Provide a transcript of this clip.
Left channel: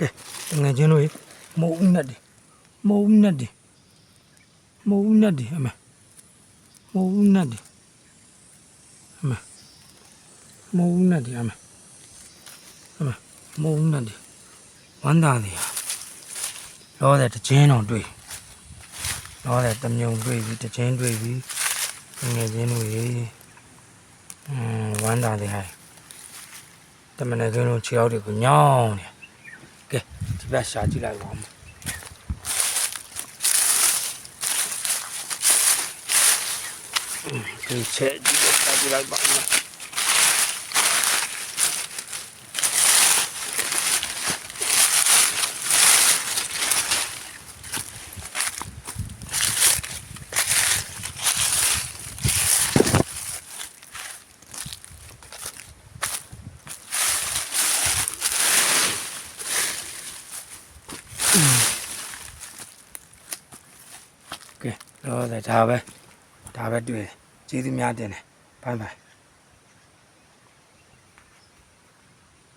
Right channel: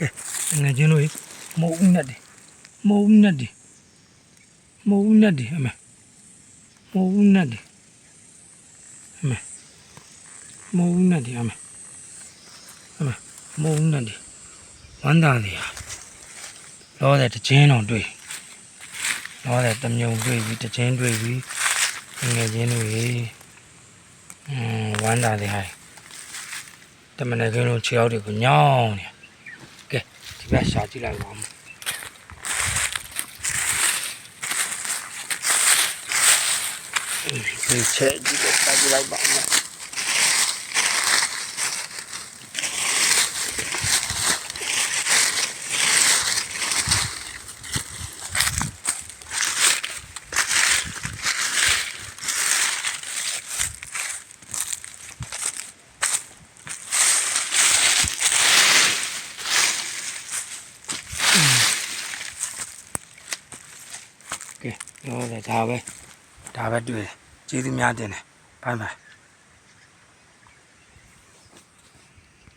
ကဲငယ်ချင်းတို့မုံနဲ့ဒီမုံနဲ့ဒီမုံနဲ့ဒီအမေမုံနဲ့ဒီအမေမုံနဲ့ဒီအမေအမေမုံနဲ့ဒီဝမ်းသာနေရလောတဲ့တချင်းတော်တွေ့လောတဲ့တမြုံတွေ့ပြီးတချင်းတွေ့ပြီးငယ်ချင်းတို့ဝမ်းသာနေဟိုင်တမန်ကင်းတို့ခြေထောက်တွေကိုညောင်းနေကဲဒီဘက်ရှာကြည့်လိုက်ပါဦးဒီချက်ဒီဘက်ရှာကြည့်လိုက်ပါဦးကဲတော့ဒါပဲတွေ့ကျေးဇူးများတင်တယ်ဘိုင်ဘိုင်